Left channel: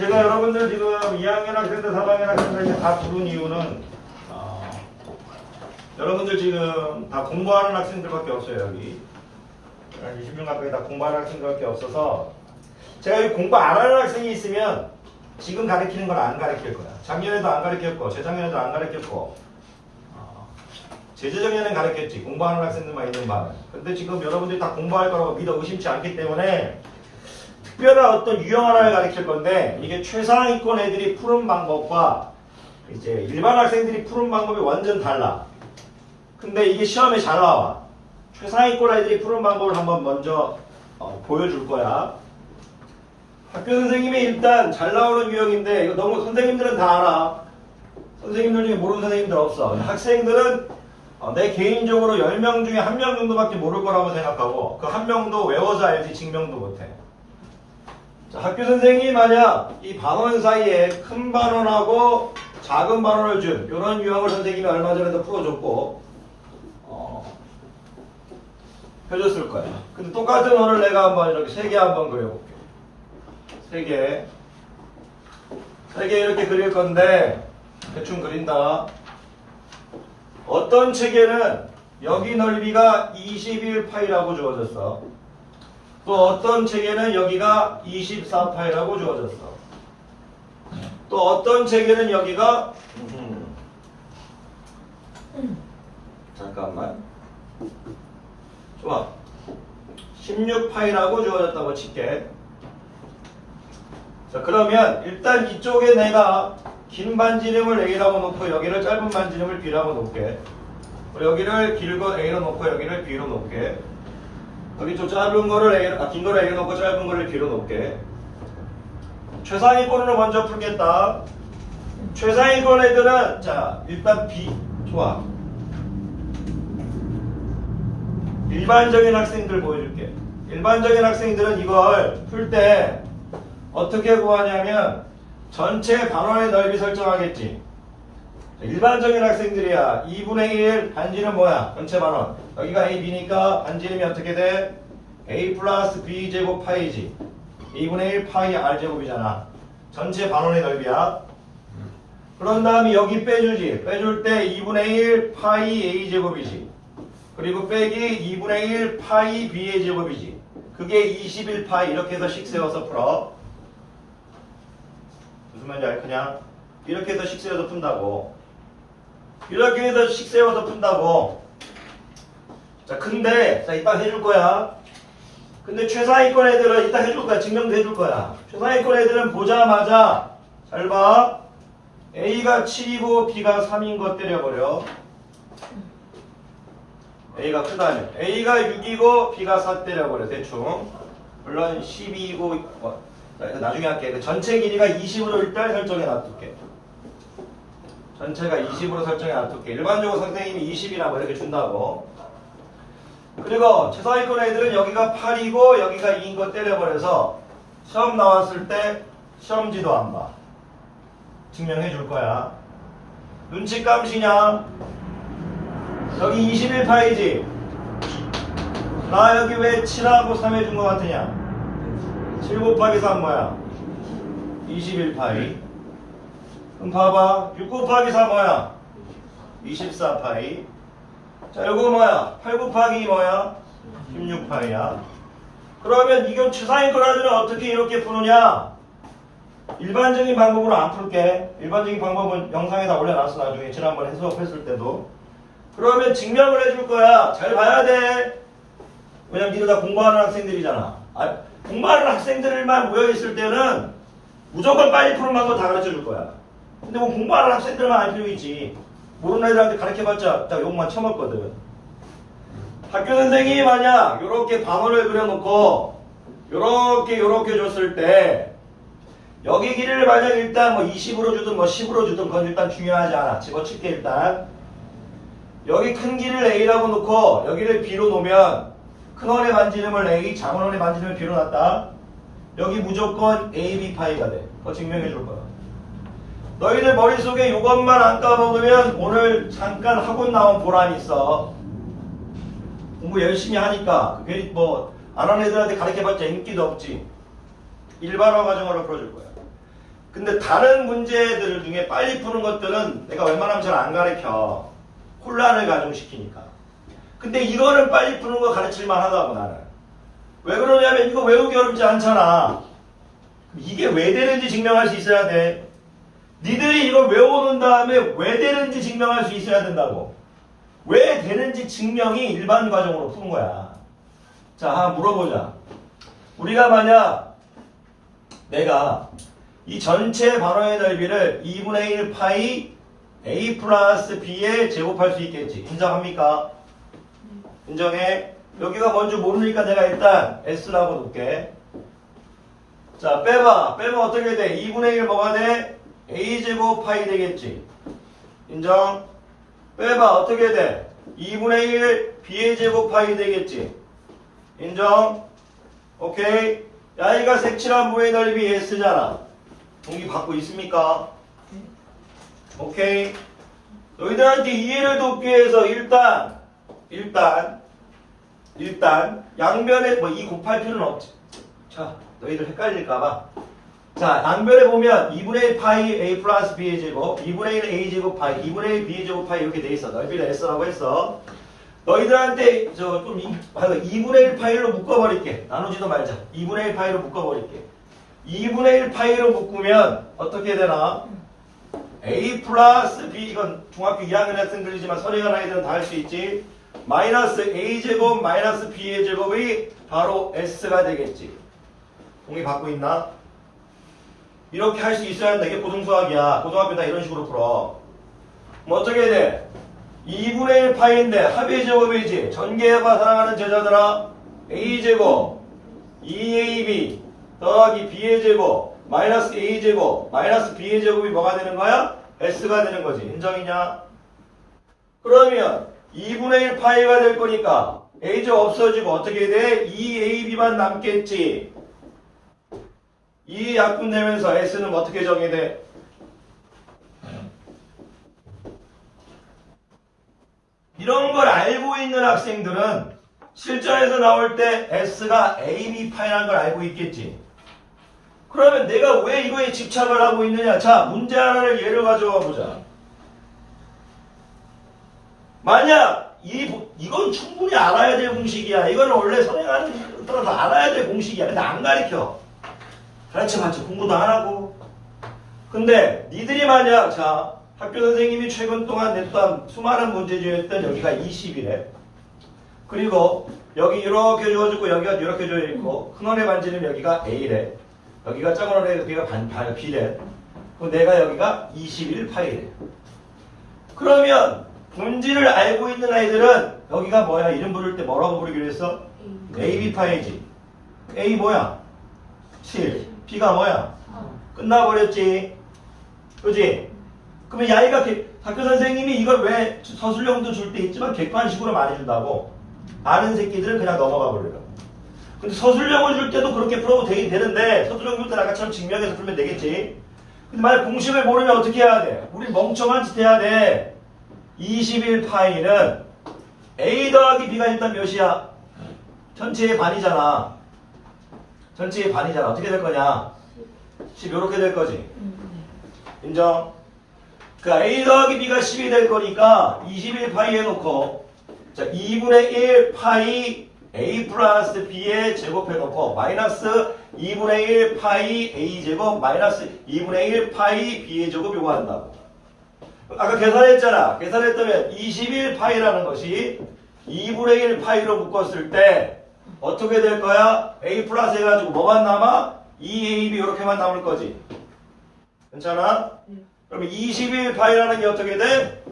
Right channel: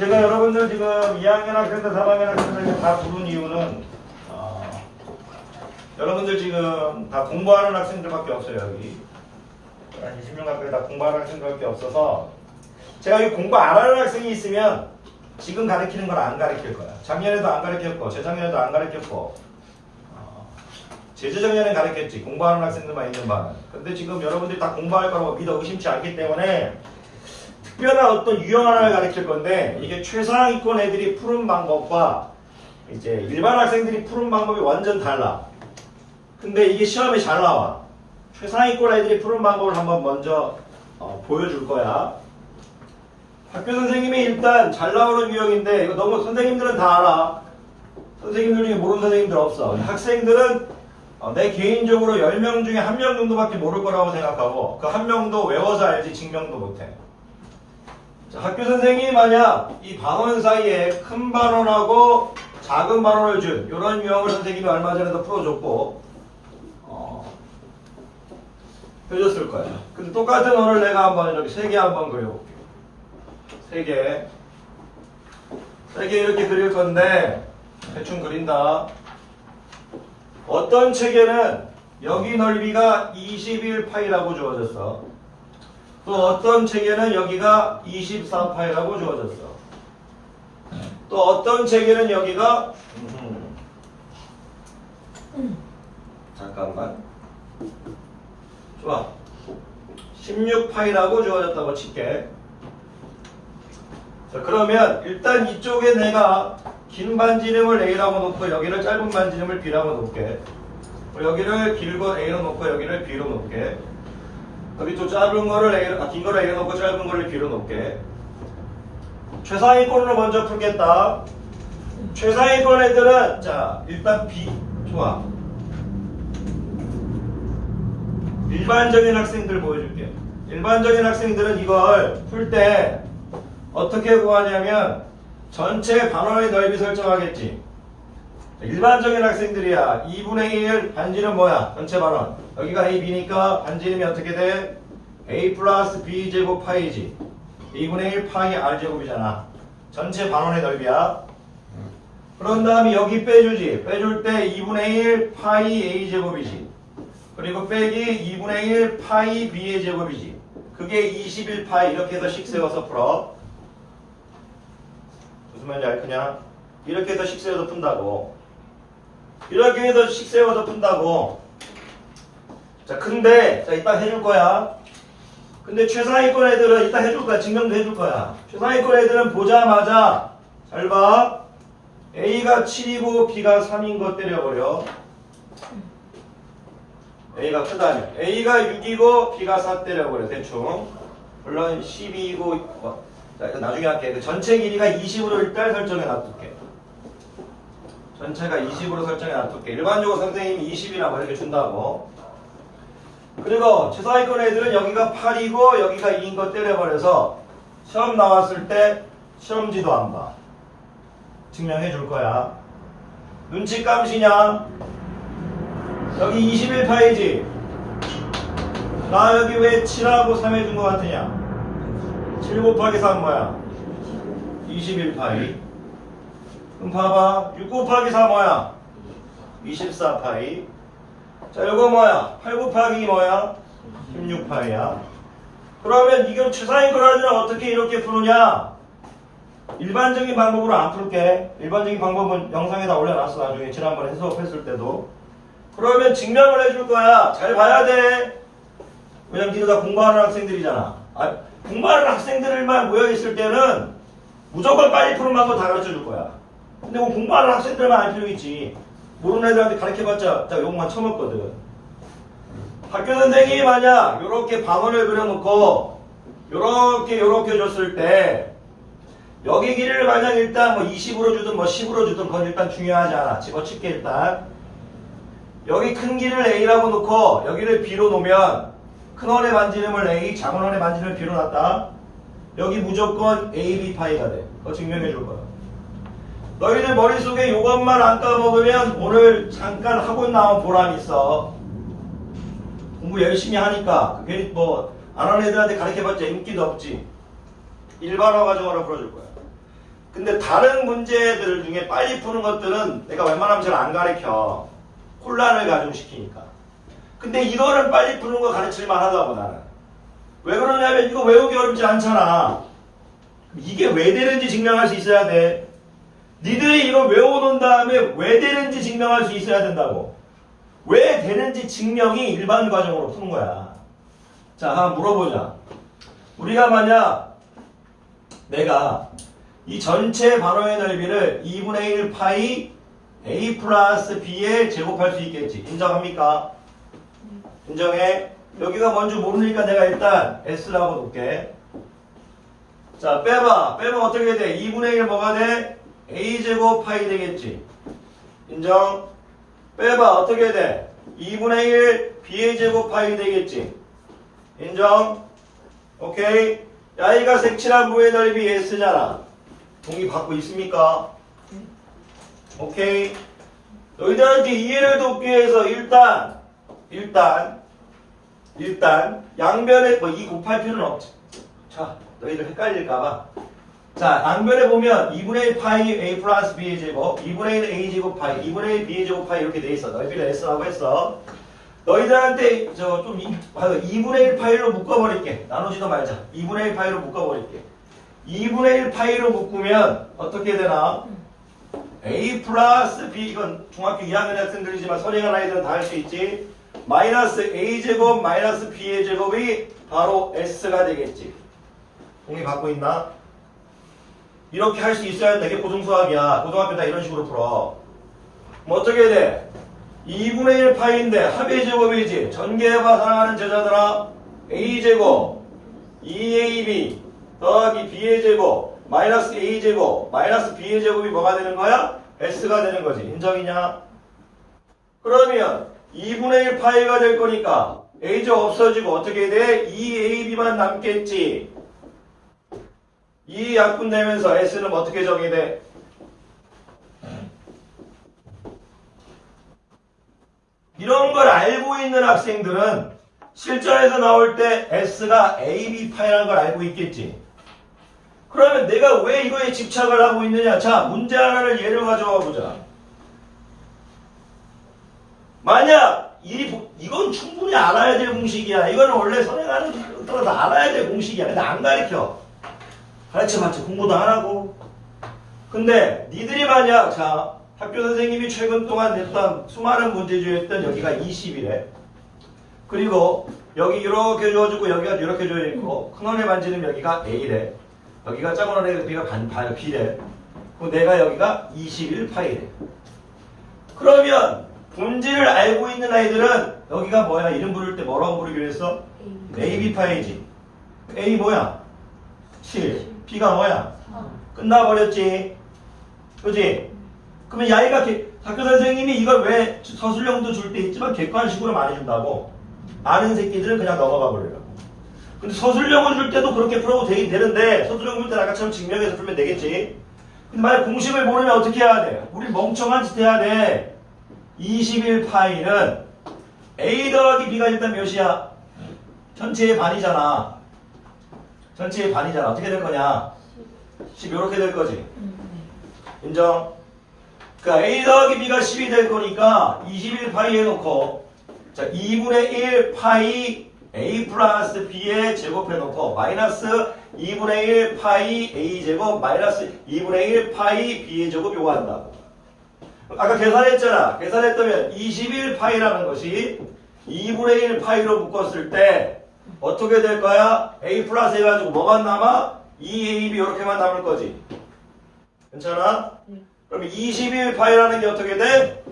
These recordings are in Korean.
제가 여러분들 지금 2학년 학생들, 3학년 학생들 다 부른 이유는 어, 여러분들 지금 다 공부하는 학생들밖에 없어요 여기. 한 20명 가까이 다 공부하는 학생들밖에 없어서 제가 이 공부 안 하는 학생이 있으면 지금 가르치는 걸 안 가르칠 거야. 작년에도 안 가르쳤고 재작년에도 안 가르쳤고 어, 재재작년엔 가르쳤지. 공부하는 학생들만 있는 반은 근데 지금 여러분들이 다 공부할 거라고 믿어 의심치 않기 때문에 특별한 어떤 유형 하나를 가르칠 건데 이게 최상위권 애들이 푸는 방법과 이제 일반 학생들이 푸는 방법이 완전 달라. 근데 이게 시험에 잘 나와. 최상위권 애들이 푸는 방법을 한번 먼저 어, 보여줄 거야. 학교 선생님이 일단 잘 나오는 유형인데 이거 너무 선생님들은 다 알아. 선생님들 중에 모르는 선생님들 없어. 학생들은 어, 내 개인적으로 10명 중에 한 명 정도밖에 모를 거라고 생각하고 그 한 명도 외워서 알지 증명도 못해. 자, 학교 선생님이 만약 이 반원 사이에 큰 반원하고 작은 반원을 준 이런 유형을 선생님이 얼마 전에도 풀어줬고 어, 해줬을 거야. 근데 똑같은 원을 내가 한번 이렇게 세 개 한번 그려볼게. 세 개. 세 개 이렇게 그릴 건데 대충 그린다. 어떤 체계는 여기 넓이가 21파이라고 주어졌어. 또 어떤 체계는 여기가 24파이라고 주어졌어. 또 어떤 체계는 여기가 음. 잠깐만. 좋아. 16파이라고 주어졌다고 칠게. 자, 그러면 일단 이쪽에 내가 긴 반지름을 A라고 놓고 여기를 짧은 반지름을 B라고 놓을게. 여기를 길고 A로 놓고 여기를 B로 놓을게. 여기 좀 짧은 거를 A로, 아, 긴 거를 A로 놓고 짧은 거를 B로 놓을게. 최상위권으로 먼저 풀겠다. 최상위권 애들은, 자, 일단 B, 좋아. 일반적인 학생들 보여줄게. 일반적인 학생들은 이걸 풀 때 어떻게 구하냐면 전체 반원의 넓이 설정하겠지. 일반적인 학생들이야. 2분의 1 반지름 뭐야? 전체 반원. 여기가 A, B니까 반지름이 어떻게 돼? A 플러스 B 제곱 파이지. 2분의 1 파이 R 제곱이잖아. 전체 반원의 넓이야. 그런 다음에 여기 빼주지. 빼줄 때 2분의 1 파이 A 제곱이지. 그리고 빼기 2분의 1 파이 B의 제곱이지. 그게 21 파이 이렇게 해서 식 세워서 풀어. 무슨 말인지 알 그냥 이렇게 해서 식 세워서 푼다고. 이렇게 해서 식 세워서 푼다고. 자, 근데 자 이따 해줄 거야. 근데 최상위권 애들은 이따 해줄 거야. 증명도 해줄 거야. 최상위권 애들은 보자마자 잘 봐. A가 7이고 B가 3인 거 때려버려. A가 크다면 A가 6이고 B가 4 때려버려 대충 물론 12이고 어, 나중에 할게 그 전체 길이가 20으로 일단 설정해 놔둘게 전체가 20으로 설정해 놔둘게 일반적으로 선생님이 20이라고 이렇게 준다고 그리고 최상위권 애들은 여기가 8이고 여기가 2인 거 때려버려서 시험 나왔을 때 시험지도 안 봐 증명해 줄 거야 눈치 감시냐 여기 21파이지. 나 여기 왜 7하고 3 해준 것 같으냐? 7 곱하기 3 뭐야? 21파이. 그럼 봐봐. 6 곱하기 4 뭐야? 24파이. 자, 이거 뭐야? 8 곱하기 2 뭐야? 16파이야. 그러면 이게 추상인 거라들은 어떻게 이렇게 푸느냐? 일반적인 방법으로 안 풀게. 일반적인 방법은 영상에다 올려놨어. 나중에 지난번에 수업했을 때도. 그러면 증명을 해줄 거야. 잘 봐야 돼. 왜냐면 니들 다 공부하는 학생들이잖아. 아, 공부하는 학생들만 모여있을 때는 무조건 빨리 방법 다 가르쳐 줄 거야. 근데 뭐 공부하는 학생들만 알 필요 있지. 모르는 애들한테 가르쳐봤자 딱 욕만 처먹거든. 학교 선생님이 만약 이렇게 방언을 그려놓고 요렇게 줬을 때 여기 길이를 만약 일단 뭐 20으로 주든 뭐 10으로 주든 그건 일단 중요하지 않아. 집어칠게 일단. 여기 큰 길을 A라고 놓고 여기를 B로 놓으면 큰 원의 반지름을 A, 작은 원의 반지름을 B로 놨다. 여기 무조건 A, B 파이가 돼. 그거 증명해 줄 거야. 너희들 머릿속에 이것만 안 까먹으면 오늘 잠깐 학원 나온 보람이 있어. 공부 열심히 하니까 괜히 뭐안 하는 애들한테 가르쳐봤자 인기도 없지. 일반어 가정으로 풀어줄 거야. 근데 다른 문제들 중에 빨리 푸는 것들은 내가 웬만하면 잘 안 가르쳐. 혼란을 가중시키니까. 근데 이거는 빨리 푸는 거 가르칠만 하다고 나는. 왜 그러냐면 이거 외우기 어렵지 않잖아. 이게 왜 되는지 증명할 수 있어야 돼. 니들이 이거 외워놓은 다음에 왜 되는지 증명할 수 있어야 된다고. 왜 되는지 증명이 일반 과정으로 푸는 거야. 자, 한번 물어보자. 우리가 만약 내가 이 전체 반원의 넓이를 2분의 1 파이 a 플러스 b에 제곱할 수 있겠지. 인정합니까? 인정해. 여기가 뭔지 모르니까 내가 일단 s라고 놓을게. 자, 빼봐. 빼면 어떻게 돼? 2분의 1 뭐가 돼? A제곱 파이 되겠지. 인정? 빼봐. 어떻게 돼? 2분의 1 b의 제곱 파이 되겠지. 인정? 오케이. 야이가 색칠한 부의 넓이 s잖아. 동의 받고 있습니까? 오케이. 너희들한테 이해를 돕기 위해서 일단 일단 일단 양변에 뭐이 곱할 필요는 없지. 자, 너희들 헷갈릴까봐. 자, 양변에 보면 2분의 1 파이 a 플러스 b의 제곱, 2분의 1 a 제곱 파이, 2분의 1 b의 제곱 파이 이렇게 돼 있어. 넓이를 s라고 했어. 너희들한테 저 좀 2분의 1 파이로 묶어버릴게. 나누지도 말자. 2분의 1 파이로 묶어버릴게. 2분의 1 파이로 묶으면 어떻게 되나? a 플러스 b 이건 중학교 2학년 학생 들이지만 선행한 아이들은 다 할 수 있지. 마이너스 a 제곱 마이너스 b의 제곱이 바로 s가 되겠지. 동의 갖고 있나? 이렇게 할 수 있어야. 이게 고등수학이야. 고등학교 다 이런 식으로 풀어. 뭐 어떻게 돼? 2분의 1 파이인데 합의 제곱이지. 전개해봐 사랑하는 제자들아. a제곱 2ab 더하기 b의 제곱 마이너스 a제곱 마이너스 b의 제곱이 뭐가 되는 거야? s가 되는 거지. 인정이냐? 그러면 2분의 1 파이가 될 거니까 a제곱 없어지고 어떻게 돼? 2ab만 남겠지. 이 약분 되면서 s는 어떻게 정의돼? 이런 걸 알고 있는 학생들은 실전에서 나올 때 S가 AB 파이라는 걸 알고 있겠지. 그러면 내가 왜 이거에 집착을 하고 있느냐? 자, 문제 하나를 예를 가져와 보자. 만약 이, 이건 충분히 알아야 될 공식이야. 이건 원래 선행하는 따라서 알아야 될 공식이야. 근데 안 가르쳐. 가르쳐봤자 공부도 안 하고. 근데 니들이 만약 자 학교 선생님이 최근 동안 냈던 수많은 문제 중에 했던 여기가 20이래. 그리고 여기 이렇게 주어지고 여기가 이렇게 주어져 있고 큰 원의 반지는 여기가 A래. 여기가 작은 원의 여기가 반, 반 B래. 그럼 내가 여기가 21 파이래. 그러면 분지를 알고 있는 아이들은 여기가 뭐야? 이름 부를 때 뭐라고 부르기로 했어? AB 파이지. A 뭐야? 7. B가 뭐야? 끝나버렸지. 그지? 그러면 야이가 개- 학교 선생님이 이걸 왜 서술형도 줄 때 있지만 객관식으로 많이 준다고 아는 새끼들은 그냥 넘어가 버리라고 근데 서술형을 줄 때도 그렇게 풀어도 되긴 되는데 서술형 줄 때 아까처럼 증명해서 풀면 되겠지 근데 만약 공식을 모르면 어떻게 해야 돼? 우리 멍청한 짓 해야 돼 21파이는 A 더하기 B가 일단 몇이야? 전체의 반이잖아 전체의 반이잖아. 어떻게 될 거냐? 10 이렇게 될 거지. 인정? 그러니까 A 더하기 B가 10이 될 거니까 21 파이 해놓고 자 2분의 1 파이 A 플러스 B에 제곱해놓고 마이너스 2분의 1 파이 A 제곱 마이너스 2분의 1 파이 B의 제곱 요거 한다고. 아까 계산했잖아. 계산했다면 21 파이라는 것이 2분의 1 파이로 묶었을 때 어떻게 될 거야? A 플러스 해가지고 뭐만 남아? 2AB 이렇게만 남을 거지 괜찮아? 그러면 21파이라는 게 어떻게 돼?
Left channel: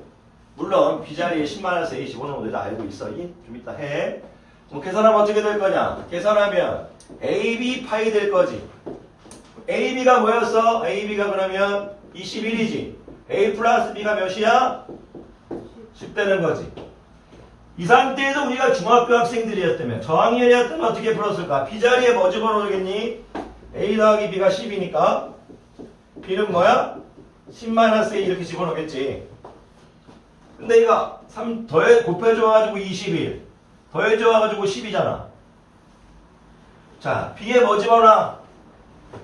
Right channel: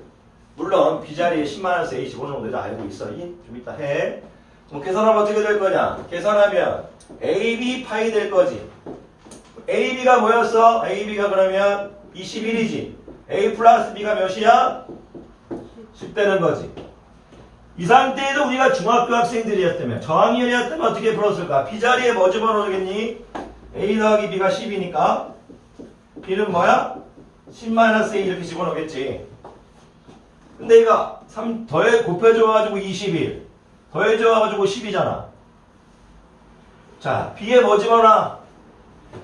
물론 B자리에 10만원에서 A15 정도 다 알고 있어. 이? 좀 이따 해. 그럼 계산하면 어떻게 될 거냐? 계산하면 AB 파이 될 거지. AB가 뭐였어? AB가 그러면 21이지. A 플러스 B가 몇이야? 10 되는 거지. 이 상태에서 우리가 중학교 학생들이었다면 저학년이었다면 어떻게 풀었을까? B자리에 뭐 집어넣겠니? A 더하기 B가 10이니까 B는 뭐야? 10-A 이렇게 집어넣겠지. 근데 이거 3 더해 곱해줘가지고 21 더해줘가지고 10이잖아. 자, B에 뭐 집어넣어?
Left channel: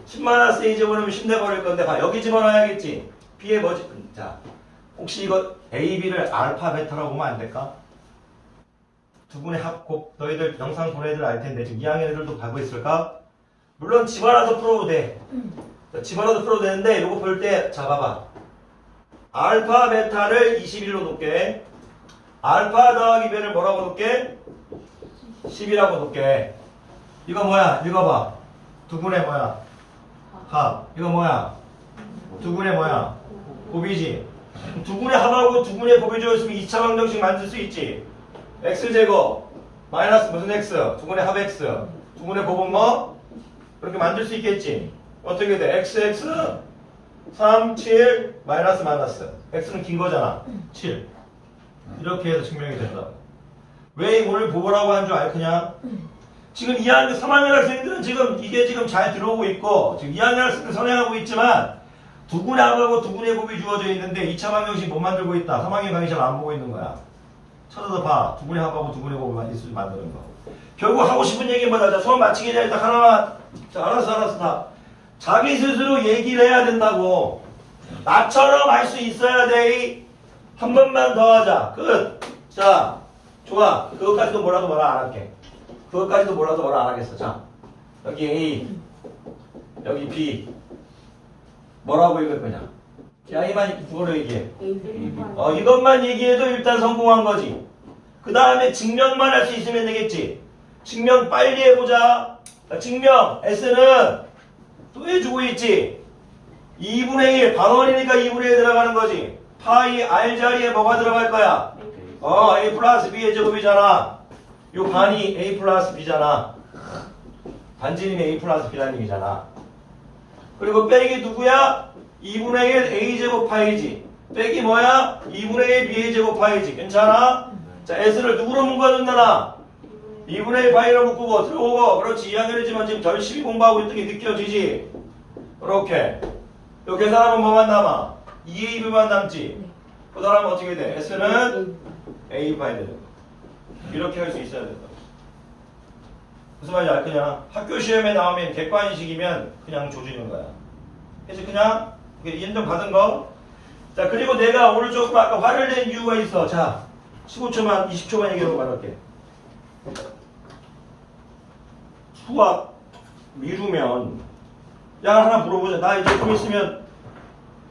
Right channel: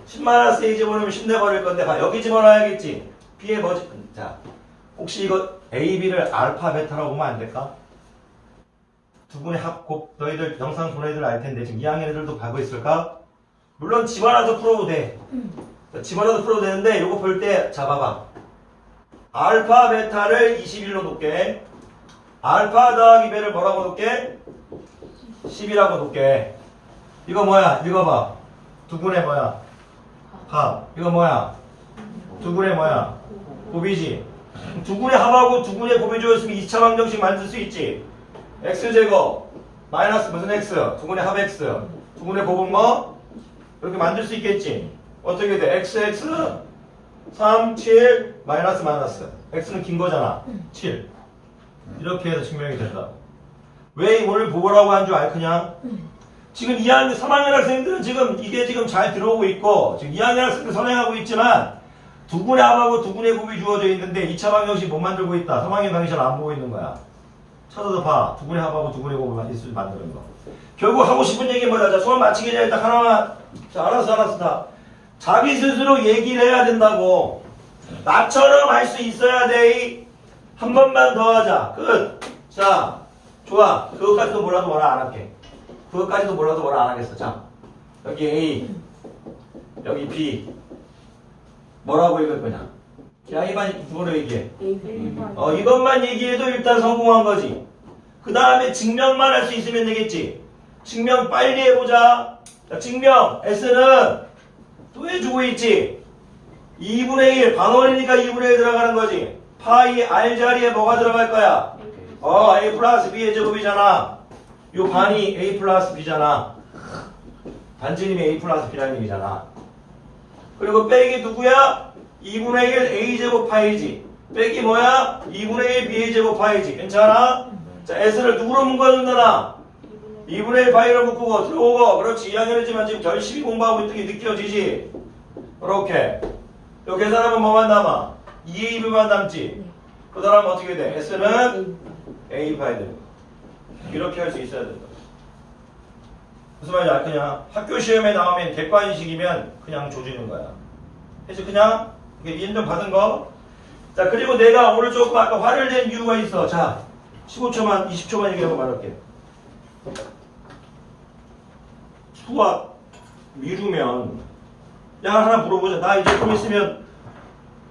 10마이너스 A 집어넣으면 10 내버릴 건데 봐 여기 집어넣어야겠지 B의 뭐지? 자 혹시 이거 A, B를 알파, 베타라고 보면 안 될까? 두 분의 합 곱 너희들 영상 보는 애들 알 텐데 지금 2학년 애들도 가고 있을까? 물론 집어넣어서 풀어도 돼 집어넣어서 풀어도 되는데 이거 볼 때 잡아봐 알파, 베타를 21로 놓게 알파 더하기 베를 뭐라고 놓게? 10이라고 놓게 이거 뭐야? 읽어봐 두 분의 뭐야? 합 이거 뭐야? 두 분의 뭐야? 곱이지 두 분의 합하고 두 분의 곱이 주었으면 2차 방정식 만들 수 있지 x제곱 마이너스 무슨 x? 두 분의 합 x. 두 분의 곱은 뭐? 그렇게 만들 수 있겠지. 어떻게 돼? xx 3, 7 마이너스 마이너스. X는 긴 거잖아. 7 이렇게 해서 증명이 된다. 왜 오늘 보고라고 한 줄 알 그냥 지금 2학년 3학년 학생들은 지금 이게 지금 잘 들어오고 있고 지금 2학년 학생들 선행하고 있지만 두 군의 합하고 두 군의 곱이 주어져 있는데 2차 방정식 못 만들고 있다. 3학년 강의실 안 보고 있는 거야 찾아서 봐. 두 분의 합하고 두 분의 곱을 있을 만드는 거. 결국 하고 싶은 얘기 뭐다. 자, 수업 마치기 전에 딱 하나만. 자, 알았어, 알았어, 다. 자기 스스로 얘기를 해야 된다고. 나처럼 할 수 있어야 돼. 한 번만 더 하자. 끝. 자, 좋아. 그것까지도 몰라도 뭐라 안 할게. 그것까지도 몰라도 뭐라 안 하겠어. 자, 여기 A, 여기 B. 뭐라고 읽을 거냐? 야, 이만 그거로 얘기해. 어, 이것만 얘기해도 일단 성공한 거지. 그 다음에 증명만 할 수 있으면 되겠지. 증명 빨리 해보자. 자, 증명. S는 또 해주고 있지. 2분의 1. 방언이니까 2분의 1 들어가는 거지. 파이 R 자리에 뭐가 들어갈 거야? 어, A 플러스 B의 제곱이잖아. 요 반이 A 플러스 B잖아. 반지름이 A 플러스 B라는 얘기잖아. 그리고 빼기 누구야? 2분의 1 A제곱 파이지. 빼기 뭐야? 2분의 1 B제곱 파이지. 괜찮아? 자, S를 누구로 묶어준다나? 2분의 1 파이로 묶고 들어오고. 그렇지. 2학년이지만 지금 열심히 공부하고 있던 게 느껴지지? 그렇게. 요 계산하면 뭐만 남아? 2AB만 남지? 그 다음 어떻게 돼? S는 A 파이 되는 거. 이렇게 할 수 있어야 된다. 무슨 말인지 알 그냥 학교 시험에 나오면 객관식이면 그냥 조지는 거야. 그래서 그냥 인정 받은 거. 자 그리고 내가 조금 아까 화를 낸 이유가 있어. 자 15초만 20초만 얘기하고 말할게. 수학 미루면 야 하나 물어보자. 나 이제 좀 있으면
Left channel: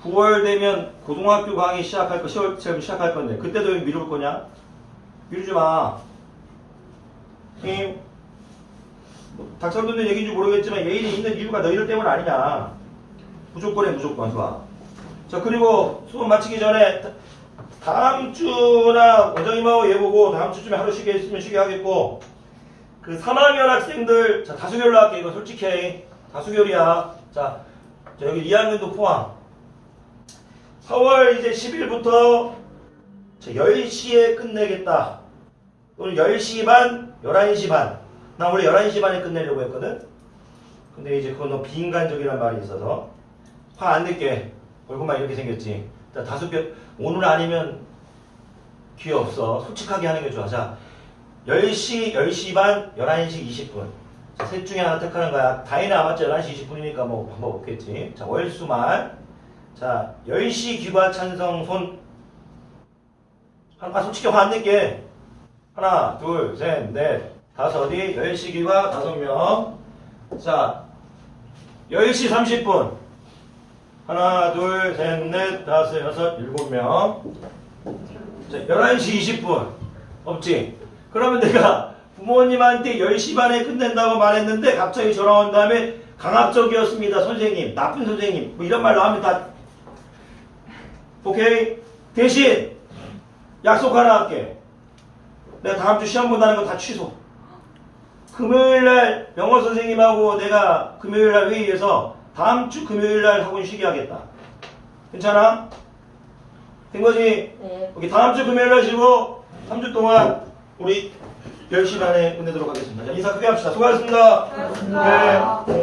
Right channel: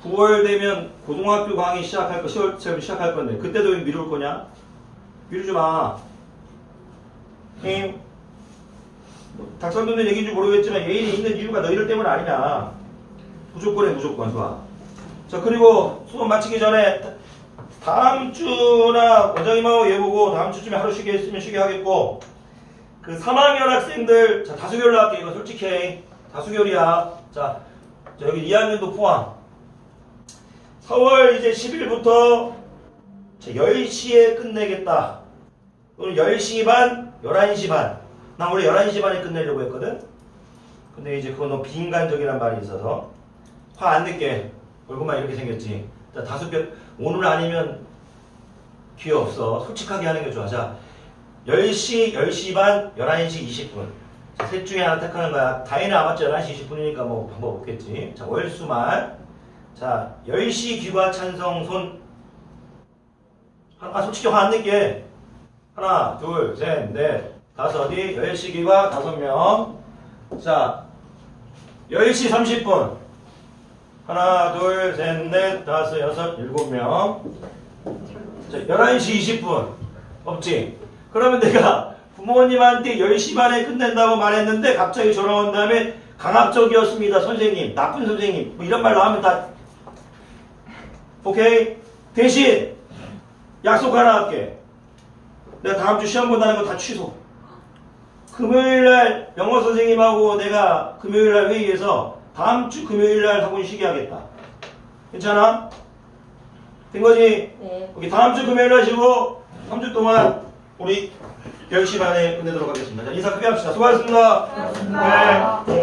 9월 되면 고등학교 강의 시작할 거 10월쯤 시작할 건데 그때도 왜 미룰 거냐? 미루지 마. 힘. 뭐, 닥쳐분들 얘기인지 모르겠지만 예인이 있는 이유가 너희들 때문 아니냐. 무조건에 무조건 수학. 자 그리고 수업 마치기 전에 다- 다음 주나 원장님하고 얘 보고 다음 주쯤에 하루 쉬게 했으면 쉬게 하겠고 그 3학년 학생들 자 다수결로 할게 이거 솔직히 해. 다수결이야. 자, 자 여기 2학년도 포함. 4월 이제 10일부터 10시에 끝내겠다. 오늘 10시 반, 11시 반. 나 원래 11시 반에 끝내려고 했거든? 근데 이제 그건 너무 비인간적이란 말이 있어서 화 안 낼게. 얼굴만 이렇게 생겼지. 자, 다섯 개, 오늘 아니면 기회 없어. 솔직하게 하는 게 좋아. 자, 10시, 10시 반, 11시 20분. 자, 셋 중에 하나 택하는 거야. 다행히 아맞죠 11시 20분이니까 뭐 방법 없겠지. 자, 월수말. 자, 10시 귀가 찬성 손. 아, 솔직히 화 안 낼게. 하나, 둘, 셋, 넷, 다섯이, 10시 귀가 다섯 명. 자, 10시 30분. 하나, 둘, 셋, 넷, 다섯, 여섯, 일곱 명. 자, 11시 20분. 없지? 그러면 내가 부모님한테 10시 반에 끝낸다고 말했는데 갑자기 전화 온 다음에 강압적이었습니다, 선생님. 나쁜 선생님. 뭐 이런 말로 하면 다. 오케이? 대신 약속 하나 할게. 내가 다음 주 시험 본다는 거 다 취소. 금요일 날 영어 선생님하고 내가 금요일 날 회의해서 다음 주 금요일 날 학원 쉬게 하겠다. 괜찮아? 된 거지? 네. 여기 다음 주 금요일 날 쉬고 3주 동안 우리 10시 반에 끝내도록 하겠습니다. 자, 인사 크게 합시다. 수고하셨습니다. 수고하셨습니다. 네.